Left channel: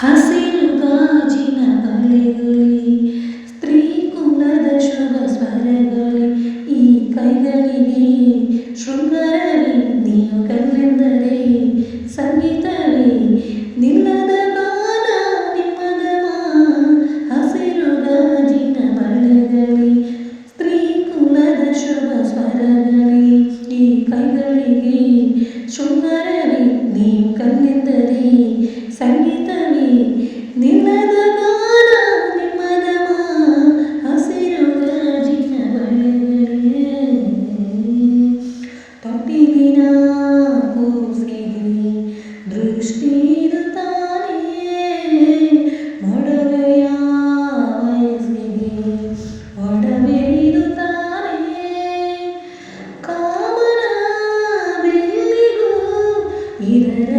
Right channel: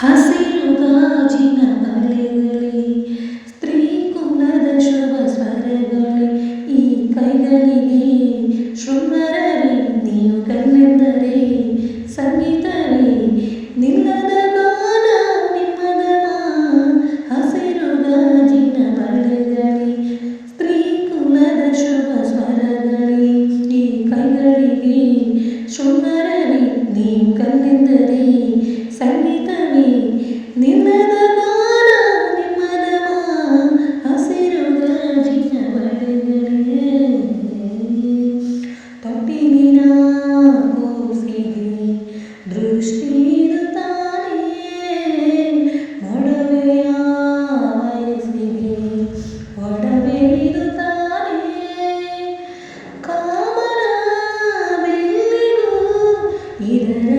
ಹಸಿರು ಗಾಜಿನ ಬಳೆಗಳೇ, ಸ್ತ್ರೀ ಕುಲದ ಶುಭ ಸ್ವರಗಳೇ, ಈ ಕೈಗಳಿಗೆ ಶೃಂಗಾರವೇ ನೀವು ಕಲ್ಲೆಂದರೆ ಸಂಗೀತವೇ ನಿಲ್ಲದ ಗಾನ ನಿಮ್ಮದಮ. ಹಸಿರು ಗಾಜಿನ ಬಳೆಗಳೇ, ಸ್ತ್ರೀ ಕುಲದ ಶುಭ ಸ್ವರಗಳೇ, ಈ ಕೈಗಳಿಗೆ ಶೃಂಗಾರವೇ ನೀವು ಕಲ್ಲೆಂದರೆ ಸಂಗೀತವೇ ನಿಲ್ಲದ ಗಾನ ನಿಮ್ಮದಮ. ಹಸಿರು ಗಾಜಿನ ಬಳೆಗಳೇ, ತೊಟ್ಟಿಲಿನ ಕೂಸಿಗೆ ದೃಷ್ಟಿದು ತಾನೇ, ಮೊಡವೆಯ ವಯಸ್ಸಿಗೆ ಒಡವೆಯಿದು ತಾನೇ. ಕಾಮನ ಬೆಳ್ಳಿಗೂ ಇದರ